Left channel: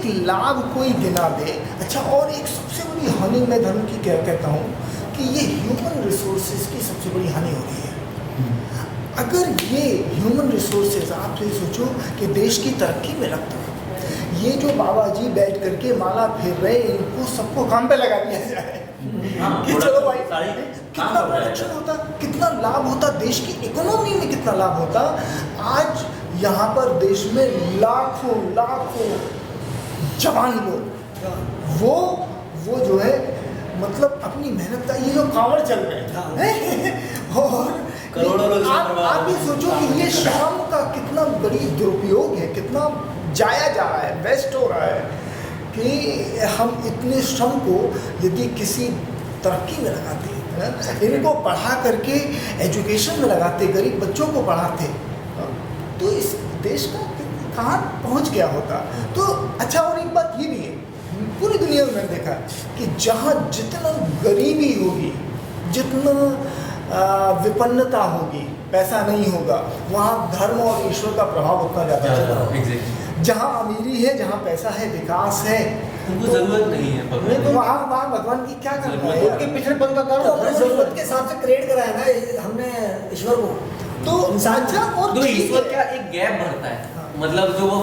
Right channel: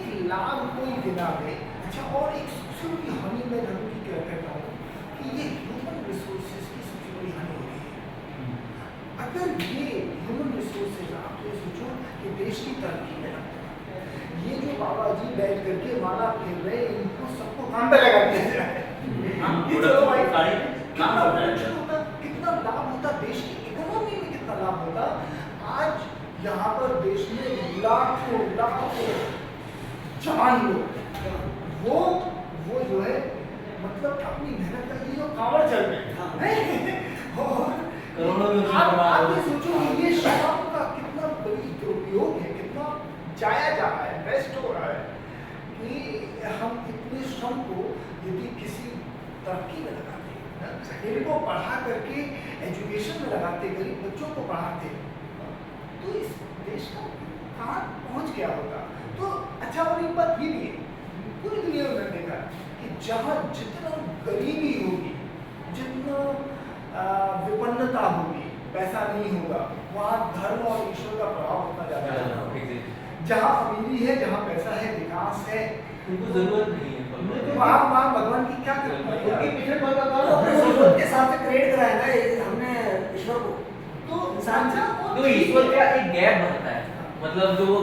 एक लाभ कोई गिना दे। अच्छा, और एक सबसे बड़ी हानि मैं धर्म की क्या कहता हूँ कि ये ह्यूमन रिसोर्सेज की सबसे बड़ी हानि हो रही है। अगर ये ह्यूमन रिसोर्सेज, आप ये सोचो कि देश की तरक्की में लगता है, ये जो बाबा जी बैठ करके माला फेर रहे, इनको सबको काम पे लगा दिया जाए कि चलो भाई, कितना प्रोडक्शन होता, कितना लाभ होता, देश की इकोनॉमी में कितना लाभ होता। आज यहाँ पर देश में लाखों लाखों जवान लोग वो जो है मतलब अपनी मेहनत का ये जो कांवड़ चल रहे हैं और करोड़ों लोग आप ये सोचो कि ये श्रम का कितना बड़ी दुरुपयोग है, कितना जाया जा रहा है, वेस्ट हो रहा है कि हम इतने श्रम को यदि किसी तरक्की में लगाते हैं, इनको पढ़ा करके एजुकेशन में लगाते, गरीब बच्चों को पढ़ाते, तो इस देश का कहाँ पहुँच गया होता। तो अच्छा, और एक बात ये भी है, पूरी दुनिया में मैंने देखा कि जहाँ जितना गरीबी होगी, जितना विपन्नता होगी, पैसा नहीं होगा, वहाँ धर्म और ईश्वर का प्रभाव उतना ज़्यादा है। जहाँ अमीरी है, जहाँ पैसा है, विकास है, उनको जरूरत नहीं है, तो वहाँ भगवान की क्या करना है? उनके पिछले पल का काम अपनी जरूरत के हिसाब से क्रिएट कराया ना हमने ईश्वर को। तो इंसान और तो ईश्वर का एक गैप भरता है, मतलब जो वो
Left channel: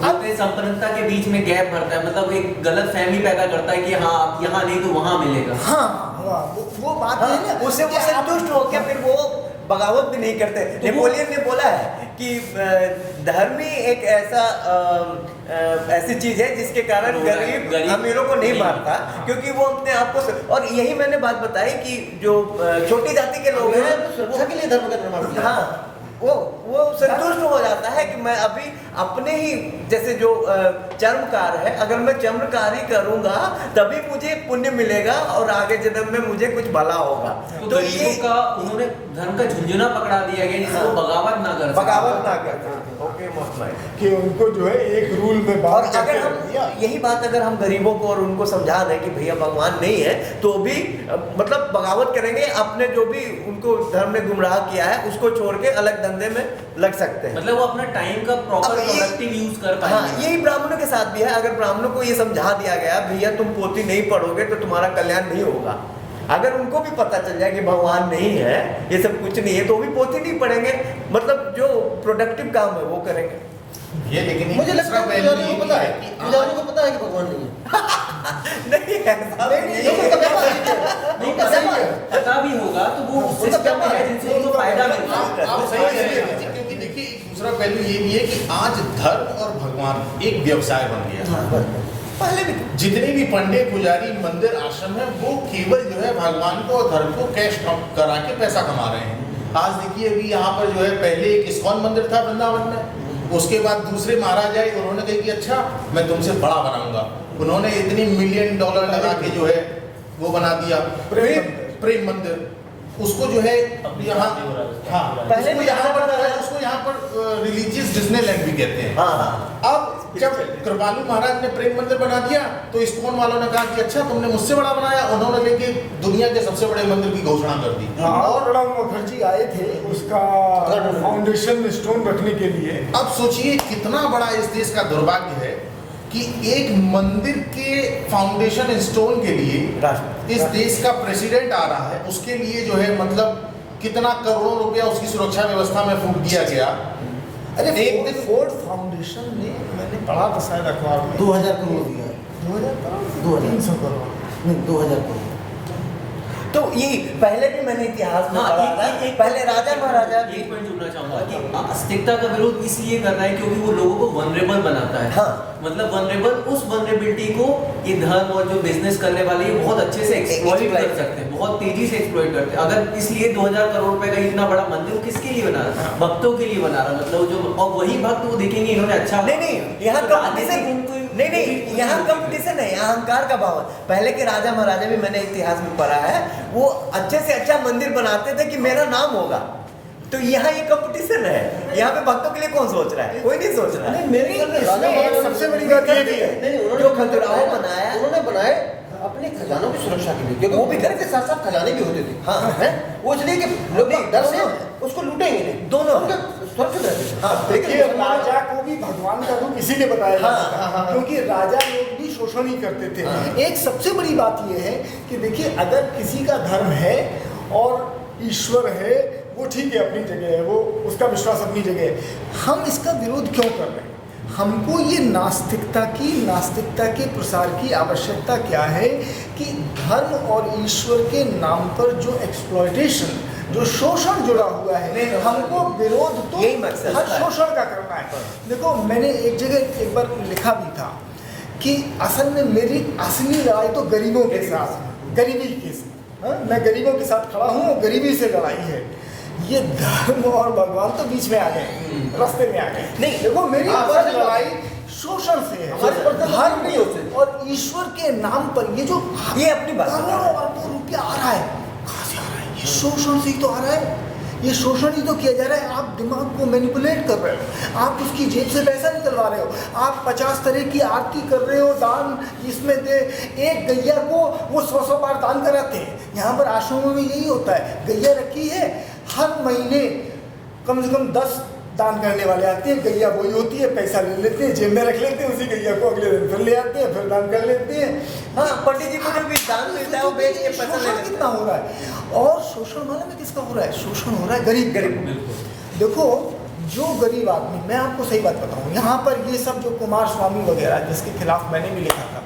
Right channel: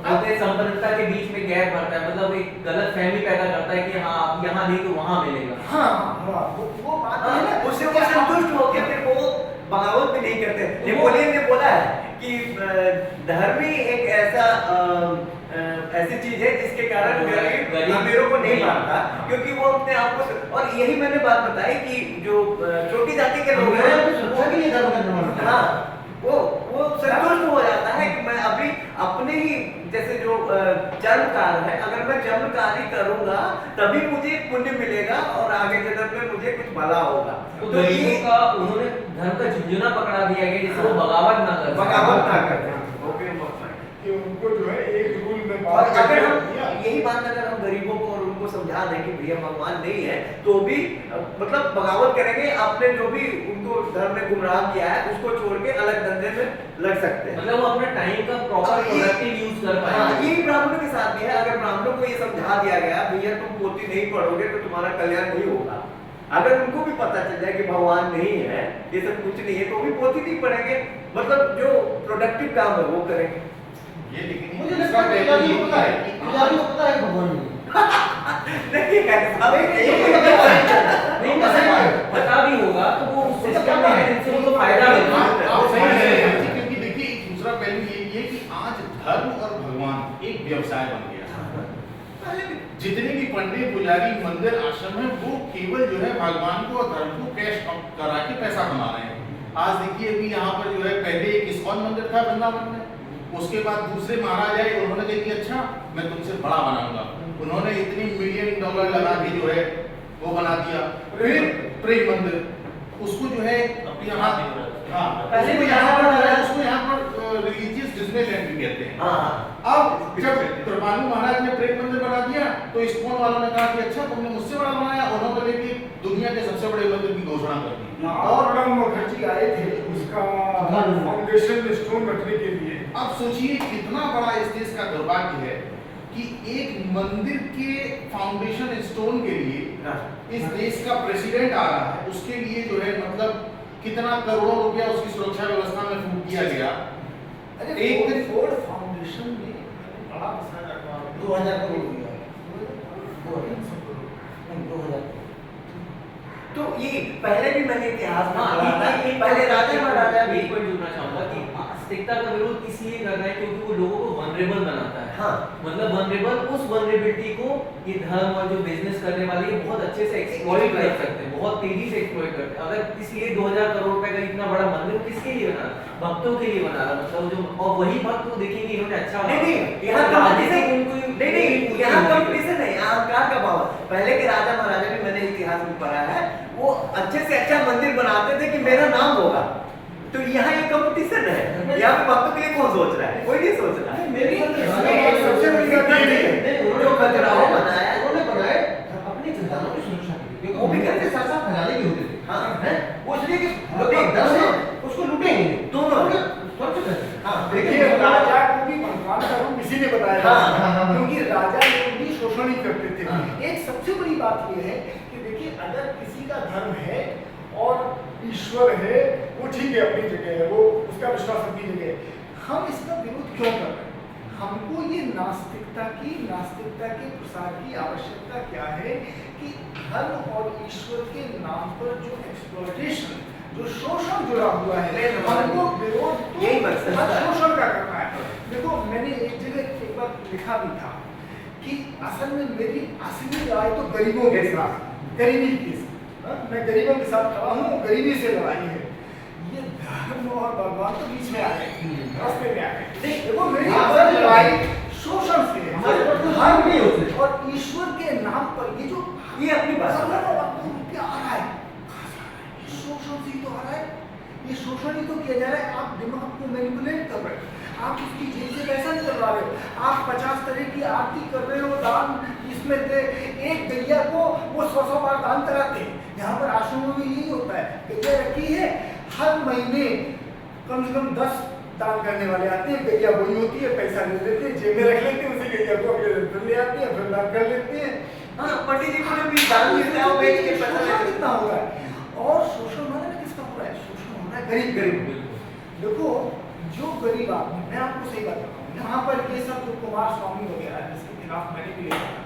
संपन्नता के बीच में गैप भरता है, मतलब एक गलत फहमी पैदा करता है कि हाँ यहाँ नहीं तो वहाँ मिलेगा। हाँ, वो बात है ना, उससे वो संतुष्ट होकर फिर वो बगावत भी नहीं करते। नेपोलियन ने बोला है कि धर्म ही एक ऐसी चीज है जिसके कारण गरीब अमीरों को नहीं मारता, क्योंकि वो अपने आप को, और यही मैंने बात बताई कि जो छोटी जाति के लोग हैं सुरक्षा के लिए धर्म का निर्माण किया। हाँ, वो संतुष्ट हो जाता है कि मैं अभी अपने ही जैसे जो चर्मकार है, अगर मैं चर्मकार ही करूंगा तभी मुझे पुण्य मिलेगा और आगे जन्म में मुझे कुछ भला होगा। तो ये का उन्होंने धर्म का झुंझुना पकड़ा दिया गया जिससे वो बगावत ना कर कि उनको जो है एक रूल में बात, अगर हम यही बात अगर हम गरीबों को और उनको समझा दें कि भैया भगवान नहीं है, तो भी मतलब बगावत करेंगे, अपने जो भी उनको धर्म में गुमराह किया है उसको छोड़ के अलग धंधे में लग सकते हैं। मतलब वो अपने टाइम का प्रॉपर प्रोडक्टिव यूज कर पाएंगे। हाँ, यही ब्राह्मणों के साथ भी है। अगर ब्राह्मणों को ये समझा दिया गया भैया तुम पोथी नहीं पढ़ोगे तो तुम्हारा कल्याण नहीं होगा, अगर उनको भी पता चल जाए कि भगवान नहीं है, ये सब कुछ नहीं है, तो भी पोथी नहीं पढ़ेंगे, मतलब जो प्रोडक्टिव काम है वो करेंगे। ये लेकिन मुझे लगता है पुजारी को पता है कि भगवान नहीं है। पता भी होगा तो वो सिस्टम है जिनसे वो फायदा मिलता है। क्योंकि देखिए एक दूसरा पहलू ये भी है कि आज धर्म और भगवान एक व्यवसाय बन गया। पहले भी जितने भी पंडित, पुजारी, मंदिर, आश्रम है, वो केवल जो है भगवान को और धर्म को कैश करा के पैसा कमा रहे हैं। आज देखिए अभी यहाँ पर जो है पहले एक इस्कॉन मंदिर था वृंदावन में, उसके बाद दूसरे महाराज आए, उन्होंने कहा कि अच्छा मैं तुमसे बड़ा बनाऊंगा, उन्होंने इतने $1 मिलियन लगा के जो है वो बना दिया प्रेम मंदिर, उसको जो है यहाँ, हाँ पहले भी यहाँ पर बनाया, उसको यहाँ पर रिलीजियस डिज्नीलैंड भी कहते हैं। अब जब कृपालु महाराज ने प्रेम मंदिर बना दिया तो इस्कॉन वालों ने कहा कि अच्छा तुमने मुझसे बड़ा बनाया, उन्होंने लेके दुनिया के सबसे बड़े मंदिर की घोषणा कर दी। और प्रणब मुखर्जी आए थे उसका फाउंडेशन स्टोन रखने के लिए। अब सोचिए कितना बड़ा इस देश का दुर्भाग्य है कि एक मंदिर के फाउंडेशन स्टोन के लिए इस देश का प्रेसिडेंट आ रहा है, उसके लिए जो है मतलब कितना करोड़ों रुपया उसकी सुरक्षा व्यवस्था में फूंक दिया गया। अरे एक फोर्ड फाउंडेशन ने, मैंने पढ़ा था शायद अखबार में, 2000 करोड़ दिया, 2000 करोड़ 300 करोड़ नहीं 2000 करोड़। तो ये पहले भी मैंने इतिहास में पढ़ा था, पहले राजा महाराजा भी। एक पॉइंट जुड़ना चाहूंगा कि आस्तिकता का विरोध इसलिए कर रहा है क्योंकि वो लोगों को वनरेबल बनाता है। हाँ, मतलब वनरेबल, उस वनरेबिलिटी को ये धर्म और जो बिजनेस करने वाले ये बहुत अच्छे से एक्सप्लॉइट कर सकते हैं, बहुत तेजी से एक्सप्लॉइट करते हैं। अगर इसलिए 2000 करोड़ रुपए का इतना बड़ा मंदिर किसके लिए बना रहा है? भक्तों के लिए बना रहा है, मतलब जो, और वही भक्त वो देखेंगे इन्होंने अच्छा नहीं यहाँ कंपटीशन नहीं, यहाँ कंपटीशन है, यहाँ अहंकार का भाव। पहले के राजा महाराजा भी मैंने इतिहास में पढ़ा है, वो अच्छे से अच्छा मंदिर बनाते थे कि मेरा नाम होगा। तो यहाँ ये कंपटीशन है, यहाँ पे भक्तों के लिए कौन सोच रहा है? कोई नहीं सोच रहा है। मेरी सबसे बड़ी बात ये भी है जो खजुराहो बनाया उन्होंने बनाए अपने खजानों की सुरक्षा के लिए, क्योंकि वो भी करते साथ साथ खजाने भी होते थे। हाँ हैं वो इसलिए कि लोग डर से उसको लूटेंगे नहीं, दोनों सुरक्षित रहते। देखिए राजा को भी भगवान का रूप इसी ने बताया, क्योंकि राजा करते थे। एक सबसे बड़ी बात ये है कि देखिए, अगर किसी का धर्म है और ईश्वर है, वो ठीक है, अपनी जगह है, वो उसका विश्वास अपनी जगह है, हम इसका विरोध क्यों कर रहे हैं? हमको ये नास्तिकता के प्रसार की आवश्यकता क्या है कि धर्म और ईश्वर के नाम पर जो एक्सप्लॉयटेशन, जो शोषण जुड़ा हुआ है, हमको विरोध तो यही मकसद हर है। शोषण का करना है। देखो, मैंने एक जगह एक बार लिखा भी था कि असल में मेरी असली लड़ाई तो गरीबों के साथ, गरीबी के साथ, मैं गरीबों के साथ खड़ा हूँ और गरीबी से लड़ाई है। ये धर्म और भगवान तो बीच में आ गए, रास्ते में आ गए। नहीं, देखो, मेरी हाँ, असली सर, लड़ाई शोषण से है। हमारे पर तो धर्म धर्म भी होते और ईश्वर के नाम पर ये जो ये अपनी बात है। करोड़ों अरबों रुपया आ रहा है, कहाँ से आ रहा है? ये शोषण से ही तो आ रहा है। ये शोषण ही तो किया जा रहा है। आप दिमाग को मैनिपुलेट कर रहे हो, आप उसकी जेब से पैसा निकलवा रहे हो, आप 50 तरह की आरती कर रहे हो, दान इसमें दे। एक गैया को वो 100 बार दान कराते हैं। यहाँ पर आश्रमों में यही होता है, गैया रखी है, हर महीने कम से कम 10 दान करने वाले आते हैं, गैया वही होती है, पैसा ले लेते हैं, जेब में रख लेते हैं, उसी गैया को अगले दिन फिर ले आते हैं, फिर दान कर लेते हैं। हाँ, पंडित जी को जो भी दान मिलता है वो बेच के पैसा ले शोषण लेते कितना हो रहा है? और शोषण माने में किसका हो रहा है? शोषण हो रहा है गरीब। देखो, जो गरीब आदमी, मैं आपको सही बात बताऊं, यहाँ पर ये सब जो कुमार स्वामी वगैरह जिसके खिलाफ मैंने भी लिखा था,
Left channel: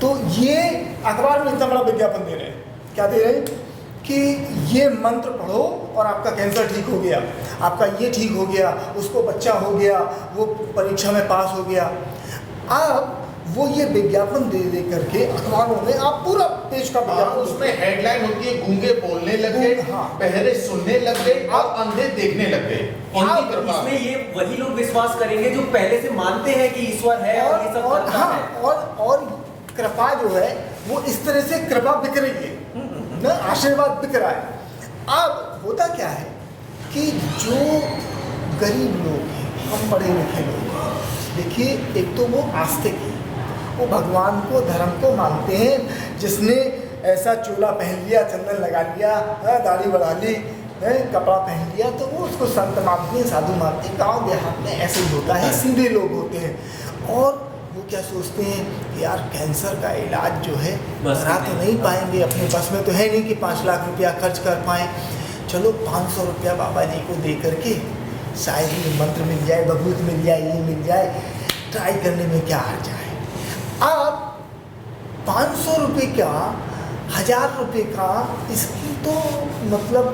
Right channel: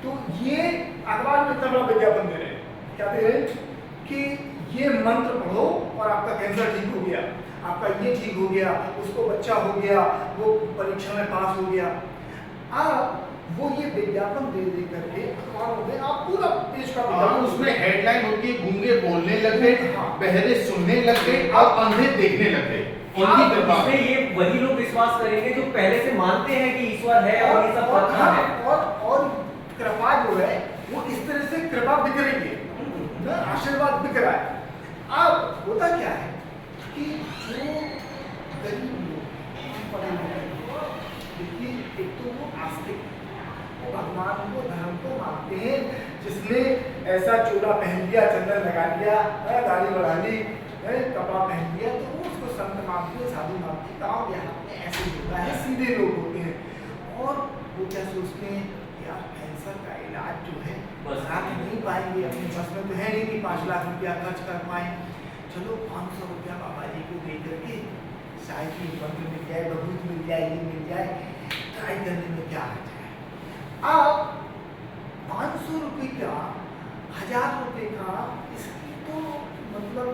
तो ये अखबार में इतना बड़ा विज्ञापन दे रहे हैं। क्या दे रहे हैं? कि ये मंत्र पढ़ो और आपका कैंसर ठीक हो गया, आपका ये ठीक हो गया, उसको बच्चा हो गया, वो परीक्षा में पास हो गया। अब वो ये विज्ञापन दे दे करके अखबारों में आप पूरा पेज का हाँ, विज्ञापन उसमें हेडलाइन होती है, गूंगे बोलने लग गए, हाँ। बहरे सुनने लग गए और अंधे देखने लग गए। इनकी कृपा इसमें ये वही लोग विश्वास करेंगे जो पहले से मानते हैं कि ईश्वर है और ये सब करता है। और कृपा जो है वो इस तरह से कृपा बिक रही है ना, आशीर्वाद बिक रहा है। अब होता क्या है कि जो गरीब लोग हैं, हम पढ़े लिखे लोग हैं, देखिए, एक तो वो आस्तिक है, वो भगवान को, धर्म को मानते हैं। जिसने ऐसा चोला पहन लिया, चंदन लगा लिया, दाढ़ी बढ़ा ली, कपड़ा पहन लिया, तो वो उसको संत मानते हैं, साधु मानते हैं। गाँव देहात में ऐसे ही होता है, सीधे लोग होते हैं। और वो क्या सोचते हैं कि यार कैंसर का इलाज जो है करा तो नहीं पाएंगे, अपने बस में तो है नहीं कि 5 लाख रुपया खर्च कर पाएँ। चलो 500 रुपया बाबा जी को दे करके शायद ये मंत्र मिल जाए, बबूत मिल जाए, ये मिल जाए, ट्राई करने में क्या हर्ज है। आप 500 रुपये का, 1000 रुपये का, इसकी तो मतलब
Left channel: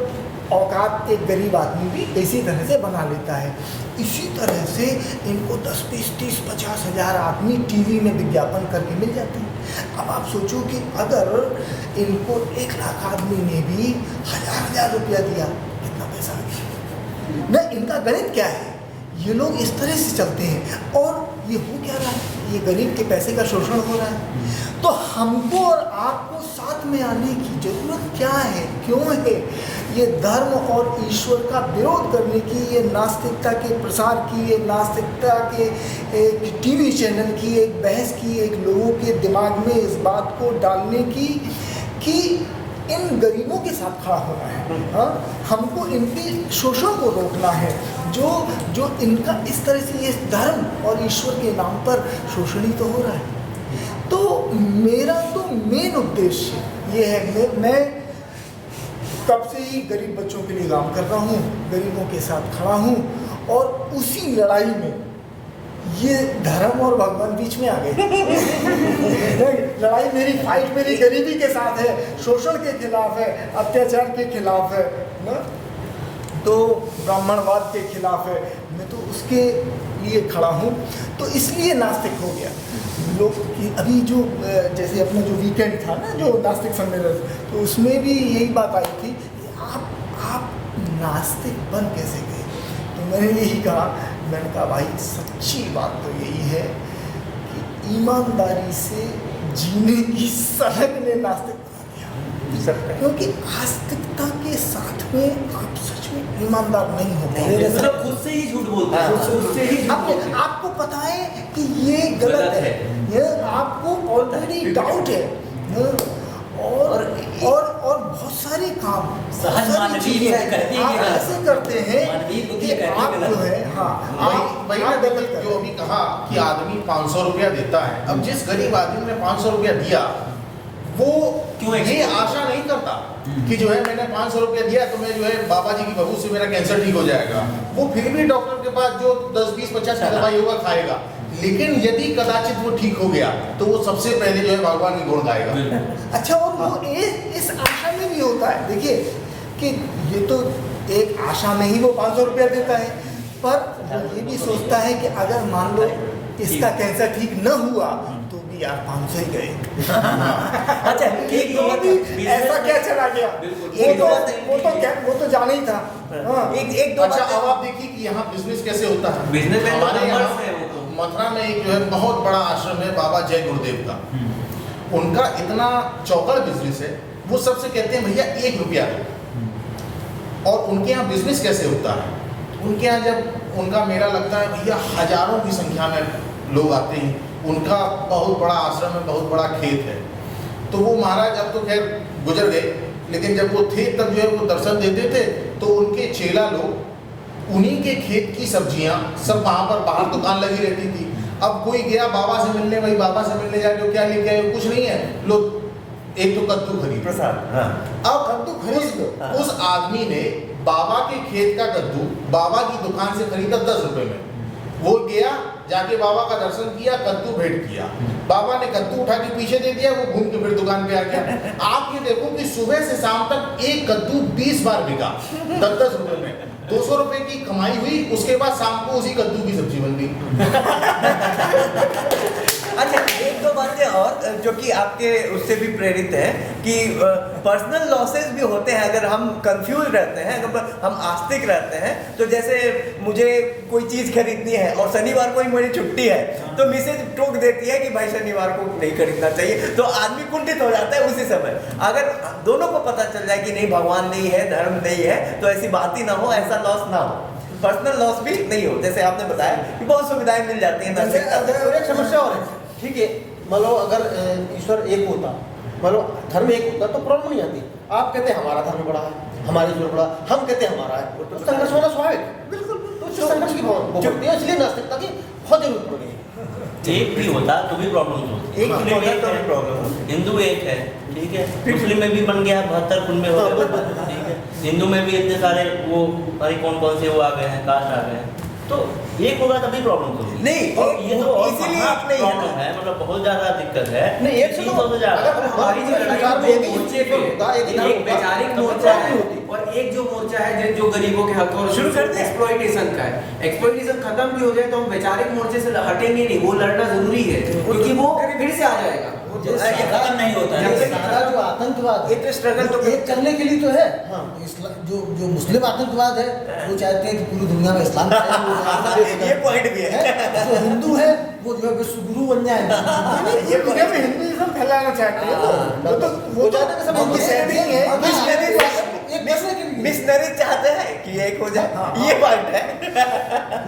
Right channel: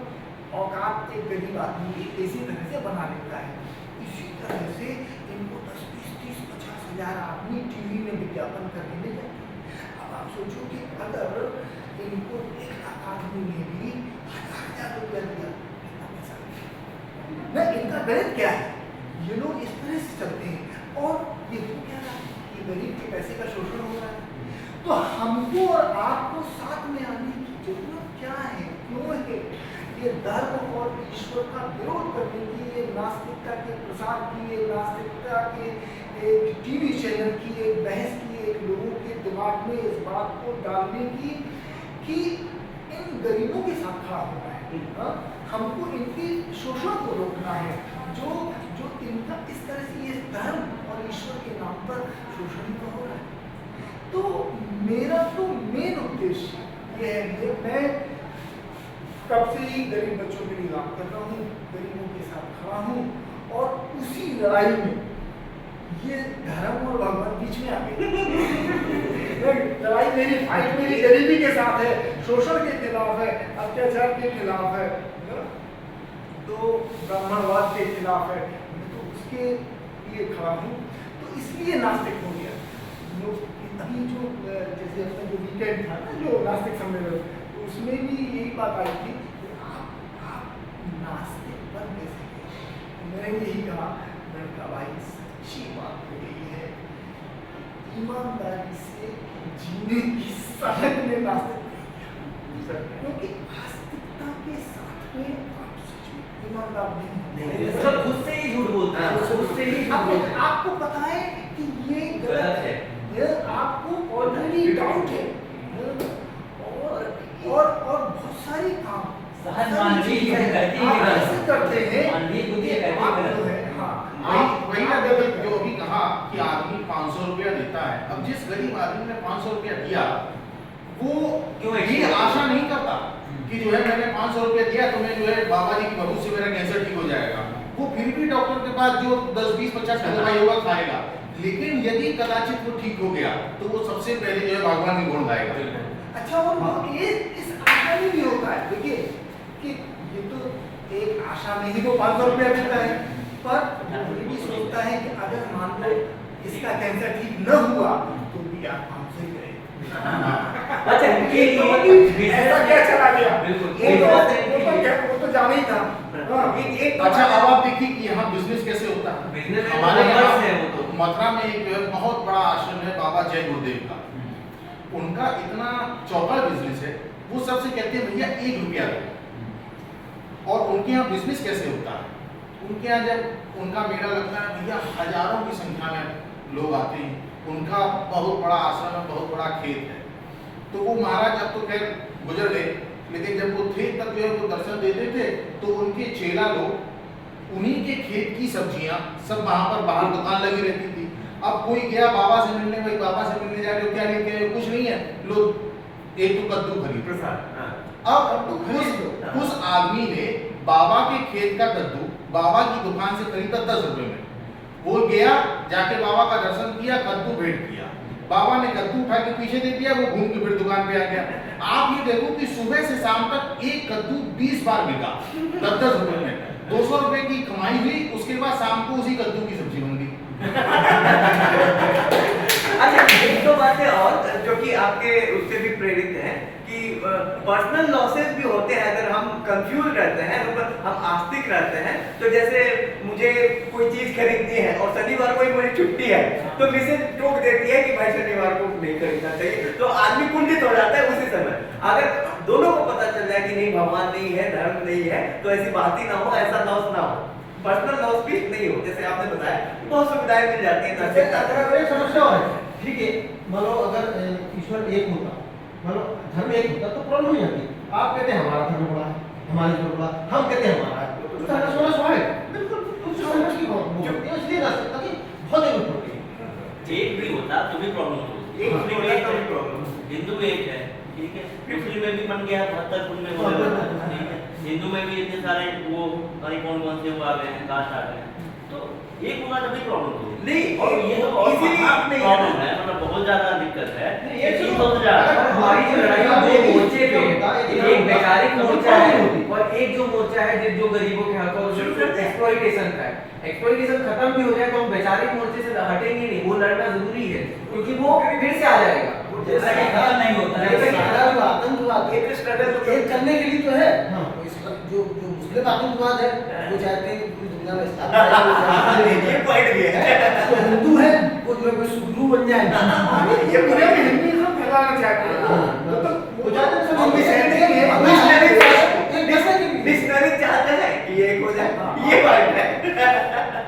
औकात एक गरीब आदमी भी इसी तरह से बना लेता है। इसी तरह से इनको 10, 20, 30, 50 हज़ार आदमी टीवी में विज्ञापन करके मिल जाते हैं। अब आप सोचो कि अगर इनको 1 लाख आदमी ने भी 1000 रुपया दिया, कितना पैसा आ गया ना? इनका गणित क्या है? ये लोग इस तरह से चलते हैं और ये हो क्या रहा है? ये गरीब के पैसे का शोषण हो रहा है। तो हमको और आपको साथ में आने की जरूरत क्या है, क्यों है? ये धर्म और ईश्वर का विरोध करने की, ये नास्तिकता के प्रसार की, ये नास्तिकता के एक टीवी चैनल की एक बहस की, एक लोगों के दिमाग में इस बात को डालने की कि इन गरीबों के साथ खड़ा होना है। हाँ, हमको इनके शोषण को रोकना है, जो इनका इस तरह से ये धर्म और ईश्वर के नाम पर शोषण ही तो हो रहा है। तो मेरा तो मेन उद्देश्य ये है, मैं तब से ही गरीब बच्चों के लिए काम कर रहा हूँ, गरीबों के साथ खड़ा हूँ, और उसी लड़ाई में ये धर्म और भगवान बीच में आ गए। लड़ाई मेरी, फाइट मेरी गरीबी के साथ है, शोषण के खिलाफ है, अत्याचार के खिलाफ है ना, तो ब्राह्मणवाद के खिलाफ है। मैं तो उसके लिए खड़ा हूँ। तो इसलिए नास्तिक हो गया लोग कि अभी जो जैसे अपना जो वीकेंड था ना, जो नास्तिक सम्मेलन, तो उसमें भी यही बात आई थी कि आप नास्तिक बन कैसे गए? तो मैंने यही कहा, मैंने कहा भाई सच्ची बात तो यही है कि ईमानदारी से जीने की सड़क ने नास्तिक बना दिया। क्योंकि आस्तिकता के साथ में आप सच में ईमानदार नहीं होते, मतलब खुद से ही झूठ बोलते हैं, खुद से ही झूठ बोलते हैं। आपको पता है कि ये गलत है, ये आपको ऑलरेडी डाउट है, और बहुत सारे काम सहज मानवीय चीजें आप ऐसे करते हैं कि आप जो है, हाँ, वही ना, जो अभी कहा कहा कि आदमी 500 रुपया देता है, अब जिस गरीब आदमी ने 500 रुपया दिया वो क्यों ये आशा नहीं करता कि जो है मैंने 500 रुपया दिया तो मैं जो है बाबा जी की बहू से मेरा कैंसर ठीक हो जाएगा। वो फिर भी डॉक्टर के पास जो 10, 20, 50 की दवाई होगा खाएगा, लेकिन यदि कदाचित वो ठीक हो गया तो वो सबसे पहले जो है भगवान के गुण गाएगा। अच्छा, और वो इस आशा में भी होता है, देखिए कि ये तो एक आशा में ही वो 500 रुपया देता है, पर वो ये भी सोचता है कि अगर मान लो इसका कैंसर ठीक न हुआ तो भी यार 500 ही गए। अच्छा, एक तो बात- भी ऐसा क्या चला गया, बिल्कुल। वो तो जाना ही था। हाँ। एक अच्छा, अब आप देखिए कि यहाँ बिजनेस कैसे होता है। बिजनेस में हमारे तो यहाँ numbers है वो तो। मथुरा में एक जो है बहुत बड़ा आश्रम है बाबा जय गुरुदेव का। उनका इतना चौकड़ बिजनेस है, वो सबसे कहते हैं भैया 1 रुपया दो। और उनके यहाँ बिजनेस कैसे होता है, उनके यहाँ जब उनका मेला लगता है भैया हजारों की संख्या में लोग आते हैं। उनका बहुत बड़ा आश्रम है, बहुत बड़ा खेत है। तो वो महाराज अब तो खैर गुजर गए, लेकिन जब वो थे तब जो है वो दर्शन देते थे तो उनके चेला लोग उन्हीं के खेत की सब्जियां सब वहां पर बाहर दुकान लगी रहती थी। अब कोई गया बाबा से मिलने, भाई बाबा से मिलने जाके क्या लेके आए, कुछ नहीं है, लोग एक तो कद्दू खरीद। प्रसाद, हाँ। अब उस आदमी ने बाबा के खेत का कद्दू बाबा की दुकान से खरीदा 10 रुपए में। वो गया, जाके बाबा का दर्शन किया, कद्दू भेंट किया, बाबा ने कद्दू उठा के पीछे दे दिया, वो घूम के फिर दुकान पे आ गया। आप ये देखो कि सुबह से शाम तक एक कद्दू 20 बार बिका 10-10 रुपए में, 200 रुपए की कमाई हुई। उसके बाद शाम को उसी कद्दू की सब्जी बन गई। अच्छा, एक दो बातें और जो कि आपके उससे भी प्रेरित है कि पर्सनल लॉसेस भी होते हैं अगर हम कंफ्यूज रहते हैं, अगर हम आस्तिक रहते हैं। तो जैसे मुझे कोई चीज़ खरीदनी है और शनिवार को ही मेरी छुट्टी है तो मिसेज टोक देती है कि भाई शनिवार को नहीं खरीदना चाहिए, तो आदमी कुंठित हो जाता है उसी समय। अगर दोनों को पता चल जाए कि नहीं भगवान नहीं है, धर्म नहीं है, तो ऐसी बात ही ना हो, ऐसा लॉस ना हो, पर्सनल लॉस भी नहीं हो। जैसे आपने बताया कि बहुत सुविधाएं मिल जाती हैं। अगर एक समस्या और है, ठीक है, मान लो अगर ईश्वर एक होता, मान लो धर्म एक होता तो प्रॉब्लम नहीं आती। आप कहते हैं हमारा धर्म बड़ा है, हमारे ईश्वर बड़ा, हम कहते हैं हमारा है, तो संघर्ष होना स्वाभाविक, बिल्कुल तो संघर्ष की बहुत होती है। इसलिए नास्तिकता की बहुत जरूरत पड़ गई। एक भी होता तो भी प्रॉब्लम होती। एक ही होता तो भी प्रॉब्लम होती। हिंदू एक है, ठीक है, मुस्लिम में भी बन गया 72 कुल में हो गए, ठीक है, हिंदू में भी इतने सारे वो अरे कौन कौन से वो आ गए हैं, कास्ट आ गए हैं, तो एक होगा तभी प्रॉब्लम होगी। नहीं, और ये तो और इसीलिए महा एक नहीं है। प्रॉब्लम है, मतलब बहुत ज्यादा दिक्कत है। नहीं, एक ये से तो तो ज्यादा हमारी जो लड़ाई है वो मोर्चे पे एक वैचारिक मोर्चा है और एक जो मोर्चा है जो गरीबों के हक और शुरू कर दे। एक्सप्लॉइटेशन का है। एक्सप्लॉइटेशन खत्म भी हो जाए तो हम वैचारिक मोर्चे से हटेंगे नहीं, वो लड़ना जरूरी है क्योंकि वो फिर से आ जाएगा। ये खत्म नहीं होता है। जैसे आतंकवाद एक स्ट्रगल तो एक करने के लिए तो है। हाँ, जो मुस्लिम आतंकवाद है वो चाहते हैं कि पूरी दुनिया में इस्लाम ये पॉइंट भी है। जो हिंदू है वो जो है विश्वगुरु बन जाए। ये पूरे में हिंदुइज्म फैलाना चाहते हैं, तो वो चाहते हैं सब हम एक setting है। मिशनरी चाहते हैं कि एक हो जाए, ये पॉइंट है।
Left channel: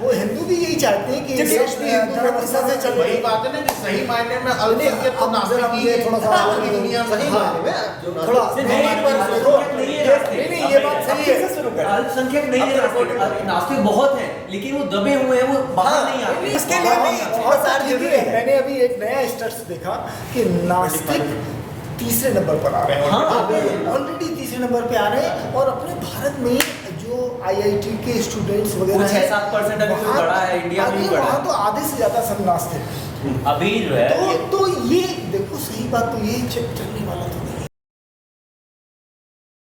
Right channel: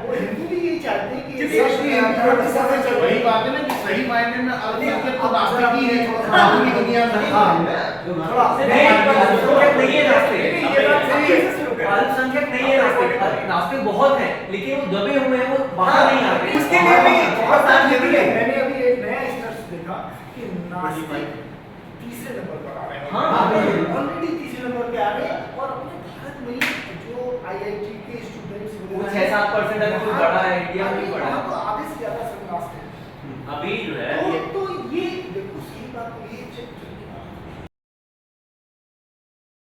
वो हिंदू भी यही चाहते हैं कि ठीक देश में हिंदुओं की सजा चल वही रही बात है ना कि सही मायने में अल्पसंख्यक तो नास्तिक ही है, थोड़ा सा बाकी दुनिया में थोड़ा अल्पसंख्यक नहीं है नास्तिक। नहीं, ये बात सही है। अल्पसंख्यक नहीं है नास्तिक, नास्तिक बहुत है लेकिन वो दबे हुए हैं, वो बाहर नहीं आ रहे। इसके लिए भी आसान लिखी है। मैंने अभी एक नया स्टैट्स देखा कि नास्तिक तीसरे नंबर पर आ रहे हैं। हाँ। ऑलरेडी तीसरे नंबर पे आ रहे हैं और अपने भारत में जो IIT के स्टूडेंट्स वगैरह वो 6-7% अभी तो बढ़ा है, इंडिया में भी बढ़ा है। वहाँ तो आधे से ज्यादा सब नास्तिक। अभी जो है तो ये देखो सही बात तो यही चलने वाला था।